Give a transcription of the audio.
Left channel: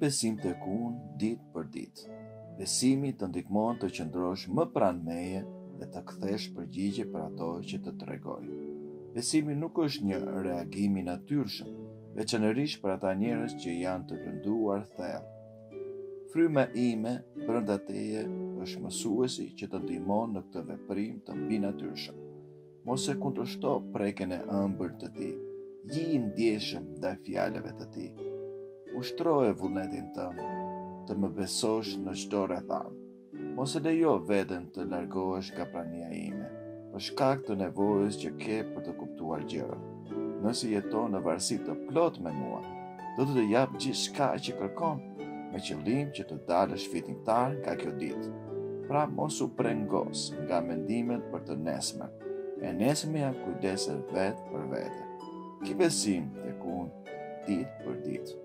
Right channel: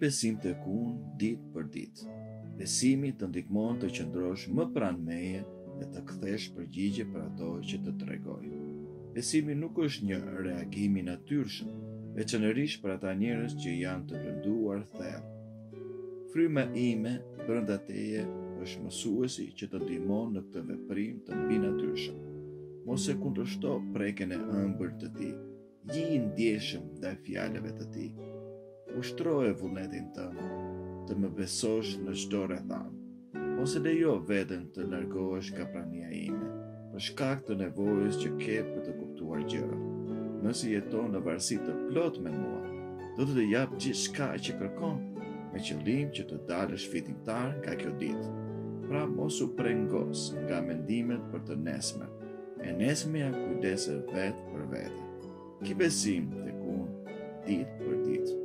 besim tek unë ditë për ditë. Besimi të ndihmon të qëndrosh më pranë meje dhe të kthesh përgjigje për ato që të tregoj. Besimi nuk është një reagim i natyrshëm, veçanërisht për ata njerëz që janë të lënduar thellë. Fryma ime brenda teje është mësuesi që të ndihmon në këtë veprim të mbinatyrshëm. Mos e kundërshto prekjen e ëmbël të tij. Ji i ndjeshëm ndaj fjalëve të tij. Ushtroje vullnetin tënd të më besosh në çdo rrethan. Mos e lejo veten të largohesh nga prania ime, për shkak të nevojës që ke për të kuptuar gjërat. Nëse jeton në varësi të plot me mua, do të jap gjithçka që kërkon, me qëllim që të dalësh fitimtar nga kjo ditë. Pra mos u prengos nga mendimet për të nesmen. E nesmja kujdese vetë për vete. Ki besim tek unë ditë për ditë.